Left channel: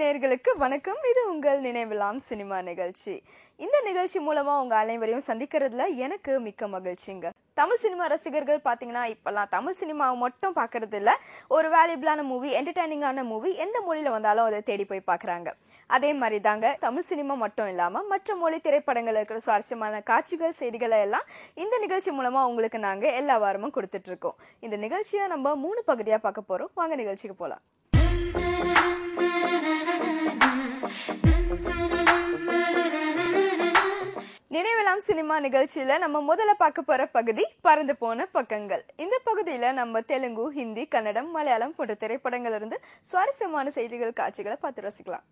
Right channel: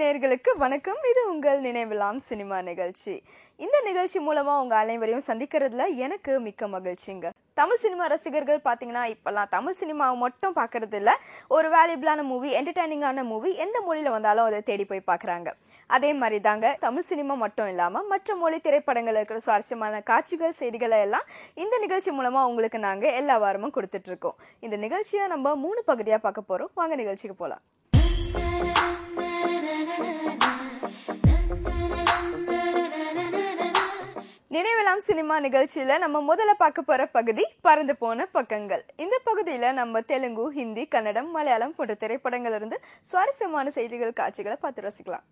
நேயர்களுக்கு வணக்கம். இது உங்கள் நினைவிலாம் சினிமா நிகழ்ச்சி. இந்த நிகழ்ச்சி மூலமா உங்க அனைவரையும் சந்திக்கிறதுல எனக்கு மிக்க மகிழ்ச்சிங்க. தமிழ் சினிமா ரசிகர்கள் பாத்தீங்கன்னா இப்பெல்லாம் தமிழ் சினிமாவை மட்டும் பாக்குறது இல்ல, ஒரு வேல்யூபிளான மூவி, என்டர்டைனிங்கான மூவி எந்த மொழியில வந்தாலும் அதை தேடி போய் பாக்குறாங்க. அதே மாதிரி தாங்க தமிழ் சினிமா மட்டும் இல்லாம மற்ற மொழி திரைப்படங்கள் இருக்கிற சுவாரஸ்யமான காட்சிகள், செய்திகளை எல்லாம் இந்த நிகழ்ச்சி மூலமா உங்களுக்கு நாங்க எல்லா வாரமும் கொடுத்துட்டு இருக்கோம். இந்த நிகழ்ச்சியை நம்ம 3 பகுதியா பார்க்க போறோம். வாங்க நிகழ்ச்சிக்கு போலாம். நினைவிலாம் சினிமா நிகழ்ச்சியில நம்ம முதல்ல பார்க்க போற பகுதி பறந்து போன பக்கங்கள். இந்த பகுதியில நம்ம தெலுங்கு, ஹிந்தி, கன்னடம், மலையாளம் போன்ற திரைப்படங்கள் இருந்து சுவாரஸ்யமான செய்திகள், காட்சிகளை பார்த்து ரசிக்கலாம்.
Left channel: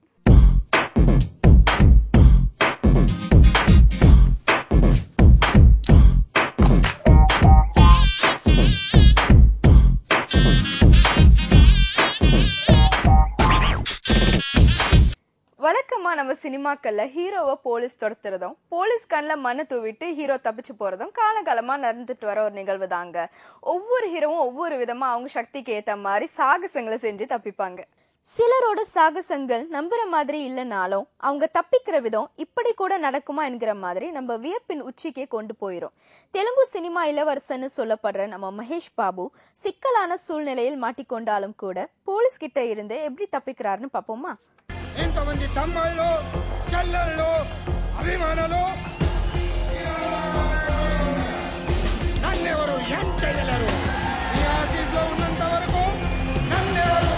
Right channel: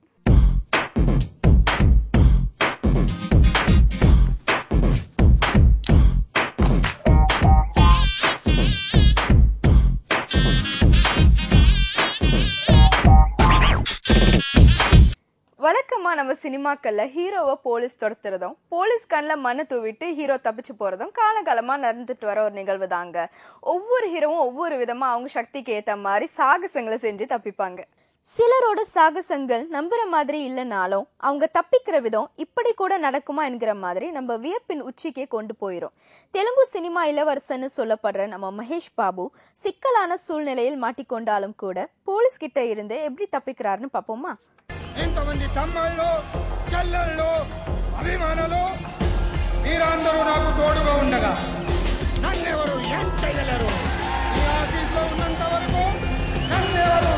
வழக்கமா நம்ம சினிமாக்கள்ல ஹீரோவை போலீஸ் துரத்துறதும், போலீஸ் கண்ணில் மண்ணை தூவிட்டு ஹீரோ தப்பிச்சு போறதும் காலகாலமா நடந்துட்டு வர ஒரு நிகழ்வு தாங்க. ஒவ்வொரு ஹீரோவும் ஒவ்வொரு விதமா அவங்க சக்திக்கு ஏத்த மாதிரி சாகசங்களை செஞ்சு தப்பிப்பாங்க. சிலரோட சாகசங்கள் நம்புற மாதிரி இல்லைனாலும் அவங்க தப்பிக்கிற விதம் இப்படி கூட நடக்குமா என்கிற மாதிரி நம்ம வியப்பின் உச்சிக்கே கொண்டு போயிரும். தெலுங்கு சினிமா இளவரசன்னு சொல்லப்படுற நம்ம மகேஷ் பாபு சிக்கலான சூழ்நிலையில் மாட்டிக்கொண்டாலும் கூட போலீஸ் கிட்ட இருந்து எப்படி தப்பிக்கிறாருன்னு பார்ப்போமா? ఇంతమంది తమ్ముళ్ళు చెల్లెళ్ళు అభిమానులు నన్నెవరు ఏం చేయలేరు. ఈ ఆఫీస్లో ఉన్నంత వరకు నన్నెవరు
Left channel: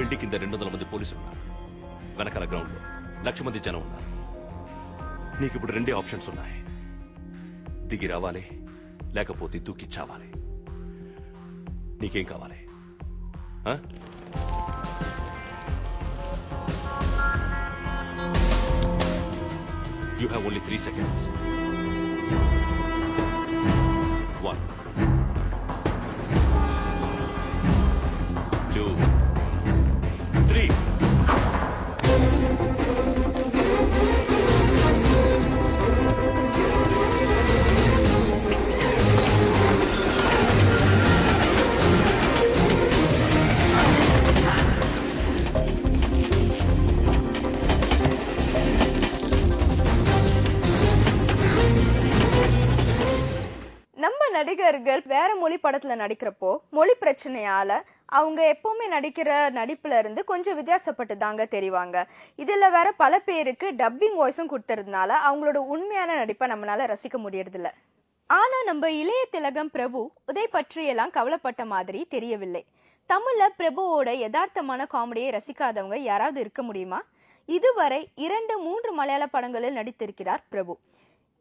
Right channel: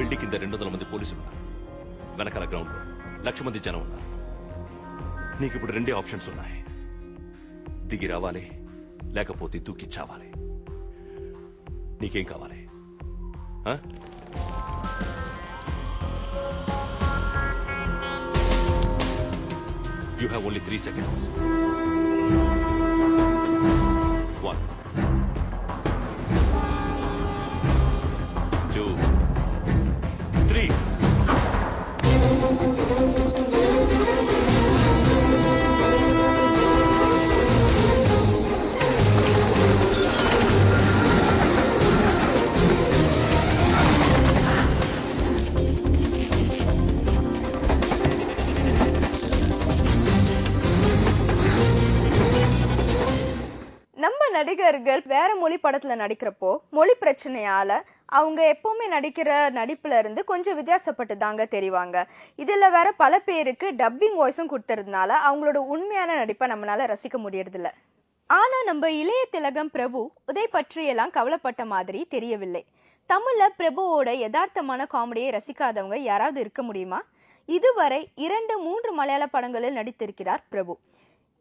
బిల్డింగ్ కింద 200 మంది పోలీసులు ఉన్నారు. వెనకాల గ్రౌండ్ లో 1,00,000 మంది జనం ఉన్నారు. నీకు ఇప్పుడు 2 ఆప్షన్స్ ఉన్నాయి. దిగి రావాలి, లేకపోతే దూకి చావాలి. నీకేం కావాలి? You have only 3 seconds. 1 2 3. நம்ம நடிகர்கள் வேற மொழி படத்துல நடிக்கிறப்போ மொழி பிரச்சனையால அவங்க எப்பவுமே நடிக்கிற நடிப்புல இருந்து கொஞ்சம் வித்தியாசப்பட்டு தாங்க தெரிவாங்க. இதுல வேற பல பேருக்கு டப்பிங் வாய்ஸும் கொடுத்துறதுனால அவங்களோட உண்மையான நடிப்பை நம்மளால ரசிக்க முடியறதில்ல. ஆனா நம்ம இளைய திலகம் பிரபு இதை பற்றியெல்லாம் கவலைப்பட்ட மாதிரி தெரியவில்லை. தமிழ்ல பிரபுவோட யதார்த்தமான காமெடியை ரசிக்காதவங்க யாராவது இருக்க முடியுமா? இதுவரை 2-3 மலையாள படங்களில் நடித்திருக்கிறார் பிரபு.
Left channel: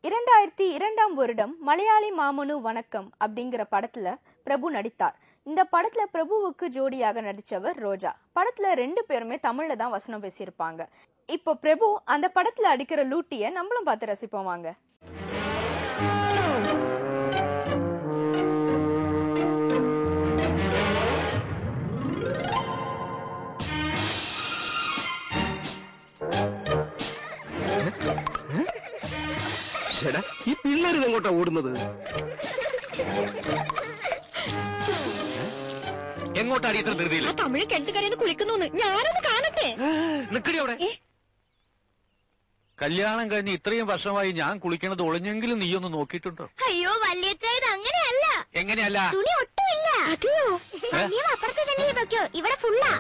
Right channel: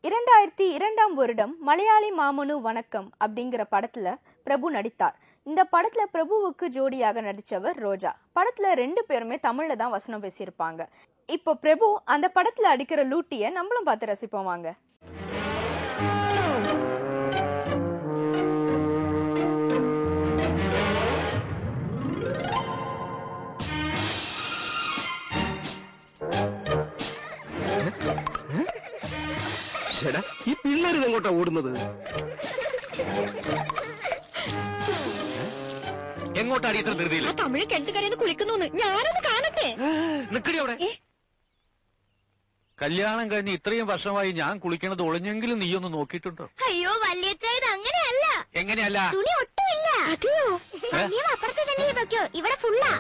2002ஆம் வருடம் மலையாளி மாமனு வணக்கம் அப்படிங்கிற படத்துல பிரபு நடித்தார். இந்த படத்துல பிரபுவுக்கு ஜோடியாக நடிச்சவர் ரோஜா. படத்துல 2 பேருமே தமிழ்ல தான் வசனம் பேசியிருப்பாங்க. இப்போ பிரபு அந்த படத்துல அடிக்கிற லூட்டிய நம்மளும் பார்த்து ரசிப்போம் வாங்க. ഈ പിള്ളേർ ഇതെങ്ങോട്ടാ ഓടുന്നത്? എങ്ങോട്ടാണ് ഇത്ര ധൃതിയിൽ? തമിഴ് കെട്ടുകരന്ന് കുളിക്കുന്നു. ഞാനത് കാണട്ടെ. നിക്കടി അവിടെ. കല്യാണം കഴിഞ്ഞ് ഇത്രയും വർഷമായി ഞാൻ കുളിക്കണത് ഒളിഞ്ഞെങ്കിലും നീയൊന്ന് നോക്കിയിട്ടുണ്ടോ? അയ്യോ അച്ചായത് അങ്ങനെയല്ല. എങ്ങനെയല്ല? തുണി ഒട്ടുമില്ല. അതെയോ? നീ അപ്പുറത്തെ തന്നെ വെക്കോ, ഇവിടെ ഫുള്ളാ.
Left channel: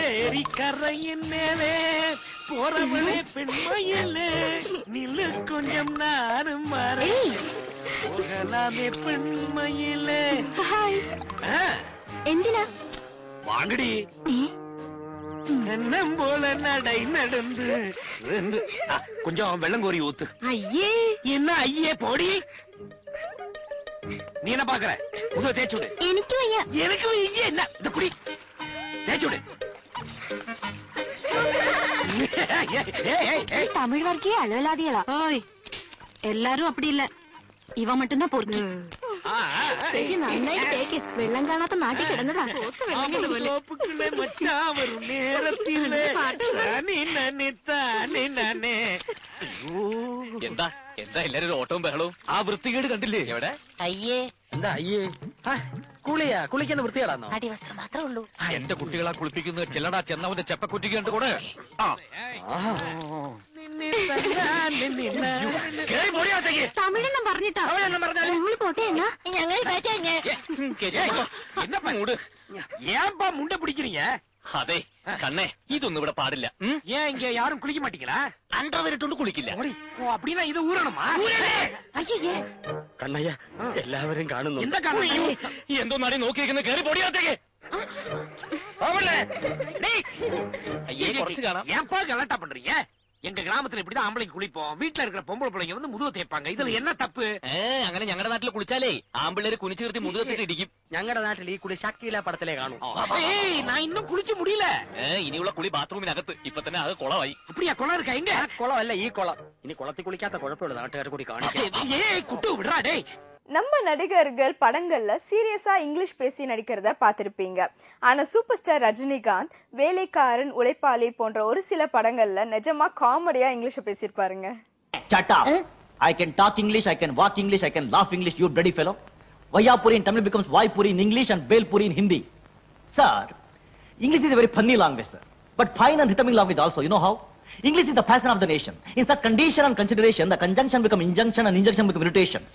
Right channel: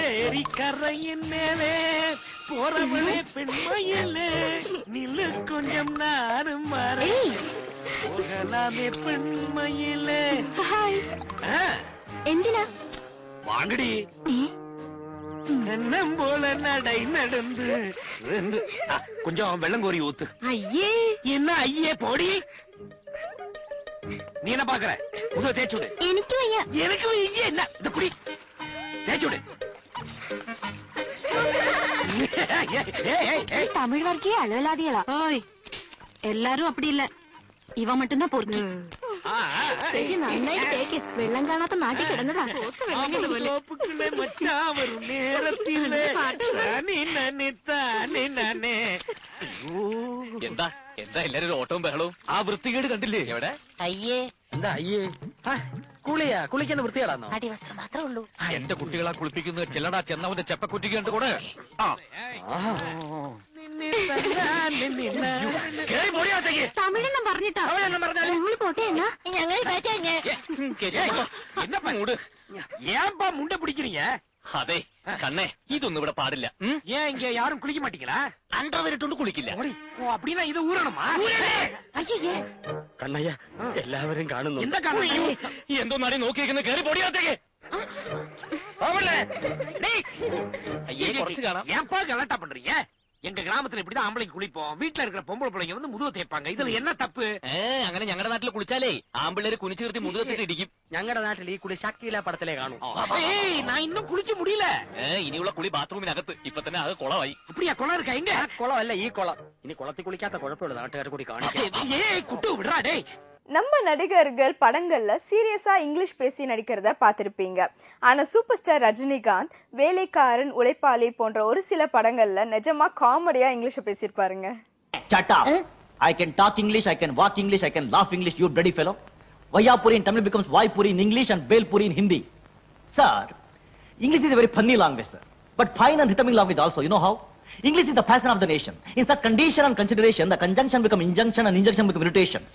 ഏരിക്കറയിന്നേലേ പോറവളെ പെൺമയിലേ നില്ല് കൊഞ്ചം നാനും മാറി പോകലാമേ പെൺമയിലേ. എന്തിനാ? വാങ്ങടി എണ്ണം പോലെ നടை നടந்து கொஞ்சம் வெள்ளம் கோரி ஊத்து. അയ്യേ, என்ன ஐயே போடி. நீ என்ன பாக்குற? முதுக தேய்ச்சு விடு. എനിക്ക് വയ്യ. எனக்கு ஐயே என்ன இந்த குடி தேய்ச்சு விடு. തമിഴ് വർഗീയ അലവലാദികളാ. എല്ലാരും അപ്പടി ഇല്ല, ഇവ மட்டும்தான் പൊറുക്കി. നന്നായിട്ട് തേക്ക്. വെള്ളം കാണാത്ത നാട്ടിൽ കിടന്നതാ. എന്താ എന്താ എല്ലാരും ഓട്ടവും ബഹളവും? ആ വൃത്തികേട് കണ്ടില്ലേ? എവിടെ? അയ്യേ, എന്താ അയ്യേ? കുളിയാ? കുളിക്കുന്ന വൃത്തികേടാന്നോ? അടിവസ്ത്രം മാത്രമേ ഉള്ളൂ. എന്റെ കുട്ടികളാ കുളിപ്പിക്കുന്നത്. ചെല്ലടാ, ചെന്നവന്റെ ചെപ്പക്കുറ്റിക്ക് കണ്ടു കൂടെ. തമിഴെണ്ണം പറഞ്ഞിട്ടാ ഞങ്ങൾ പോട്ടെ. ഞങ്ങൾ എന്നപ്പാ മൂട്? ஏன்பா முண்டை பிடிக்கிறீங்க? അതെ കണ്ണേ, ഇതൊന്നും ഇവിടെ പാടില്ല. ஏன் இங்க யாரும் குளிக்க மாட்டீங்களா? അണ്ടർവെയറിട്ടോണ്ട് കുളിക്കില്ല. ஓ அப்படின்னா இது ஊறணுமா? അയ്യേ, കണ്ണയ്യ എല്ലാവരും കാണുന്നു. എന്താ കാണുന്നു? എന്തോ നടി നോക്കിയിരിക്കുന്ന കയറി പൊടിയാത്തേക്ക്. അയ്യേ, കുറച്ച് കാണാം. ஏன்பா கலாட்டா பண்றீங்க? எங்க கிராமத்துல இப்படிதான் ஆம்பளைக்கு குளிப்போம். வீட்டுல இருக்கிற பொம்பளை பிள்ளைங்க வந்து முதுக தேய்ப்பாங்க. இதுல என்ன தப்பு? അങ്ങനെ ഞങ്ങളുടെ നാട്ടിൽ കുളിച്ചാലേ ആമ്പിള്ളേര് കുനിച്ചു നിർത്തി മുതുകത്തിട്ട് ഇടിക്കും. ഞങ്ങളുടെ നാട്ടിൽ ഈ കുളി ഷക്കീല പടത്തിലേ കാണും. நான் இன்னும் குளிச்சு முடியல. ഇനിയുള്ള കുളി ബാത്റൂമിനകത്ത്. ഇപ്പൊ തന്നെ അത് കുളമായി. அப்படியா? குளம் இருக்கா? எங்க? குளம் இல்ல, ഈ കുളം. ഇനി കുളത്തിൽ കുളിക്കാത്ത കുഴപ്പമില്ല, നാട്ടുകാർ കൂടി കാണിക്കാം. ஏய் குட்டு விடுறா டேய். நம்ம நடிகர்கள் படங்கள்ல சீரியஸா இங்கிலீஷ் பேசி நடிக்கிறத பார்த்திருப்பீங்க. ஆனா சூப்பர் ஸ்டார் ரஜினிகாந்த் வேலைக்காரன், உழைப்பாளி போன்ற ஒரு சில படங்கள்ல நிஜமா காமெடியா English பேசியிருப்பாருங்க. Shut up. I can talk English, I can walk English, I can laugh English, you bloody fellow. Vayapuri in Tamil becomes Vaipuri in English and Belpuri in Hindi. Sir, English is a very funny language, sir. But fine and rhythmic language also, you know how? English is the passion of the nation. In such condition and consideration, the conjunction become injunction and injunction become irritations.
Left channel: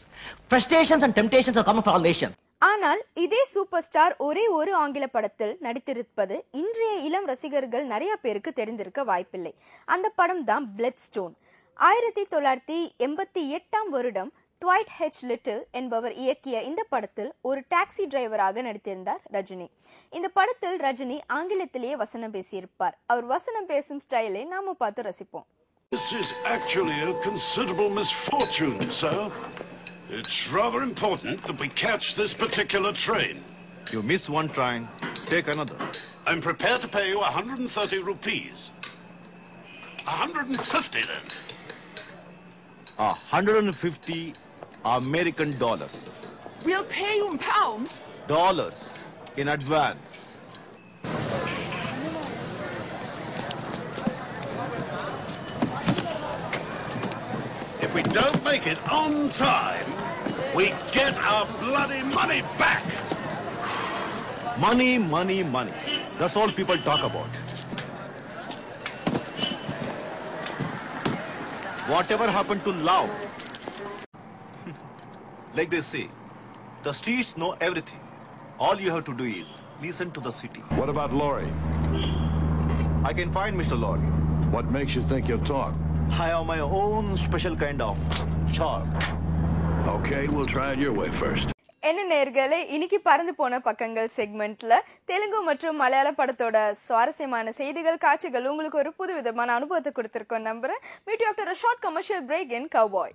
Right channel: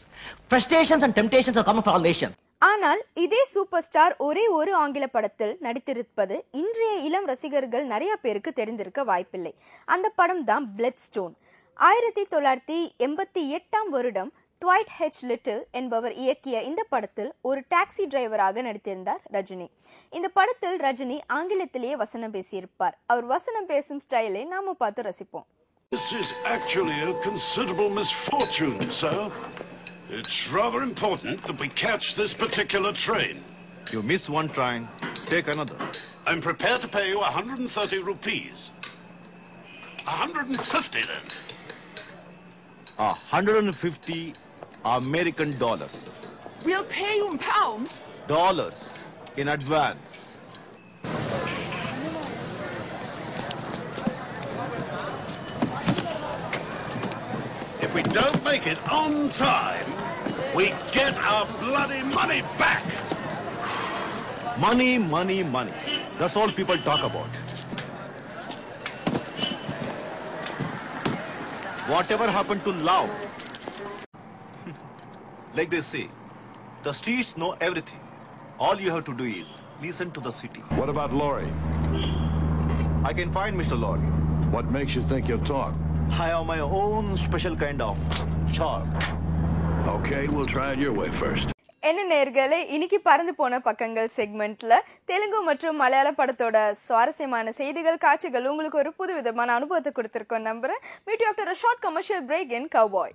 Frustrations and temptations are common for all nations. ஆனால் இதே super star ஒரே ஒரு ஆங்கில படத்தில் நடித்திருப்பது இன்றைய இளம் ரசிகர்கள் நிறைய பேருக்கு தெரிந்திருக்க வாய்ப்பில்லை. அந்த படம் தான் பிளட் ஸ்டோன். 1988 வருடம் ட்வைட் ஹெச் லிட்டில் என்பவர் இயக்கிய இந்த படத்தில் ஒரு டாக்ஸி டிரைவராக நடித்திருந்தார் ரஜினி. இந்த படத்தில் ரஜினி ஆங்கிலத்திலேயே வசனம் பேசியிருப்பார். அவர் வசனம் பேசும் ஸ்டைலை நாம பார்த்து ரசிப்போம். This is actually a considerable misfortune, sir. It's rather important that we catch this particular train. You miss one train, take another. I'm prepared to pay you 130 rupees. 150 then. 150 American dollars. We'll pay you in pounds. Dollars in advance. If we don't make it on time, we get our bloody money back. Money, money, money. That's all people talk about. Whatever happened to love? Like they say, the streets know everything. All you have to do is listen to the city. What about Laurie? I can find Mr. Laurie. What makes you think he'll talk? I have my own special kind of charm. Okay, we'll try it your way first. என்ன நேர்களே, இன்னைக்கு பறந்து போன பக்கங்கள் செக்மெண்ட்ல தெலுங்கு மற்றும் மலையாள படத்தோட சுவாரஸ்யமான செய்திகள், காட்சிகள் உங்களுக்கு ஒரு புதுவிதமான அனுபவத்தை கொடுத்திருக்கோம் நம்புறேன். Meet you after a short commercial break in Cowboy.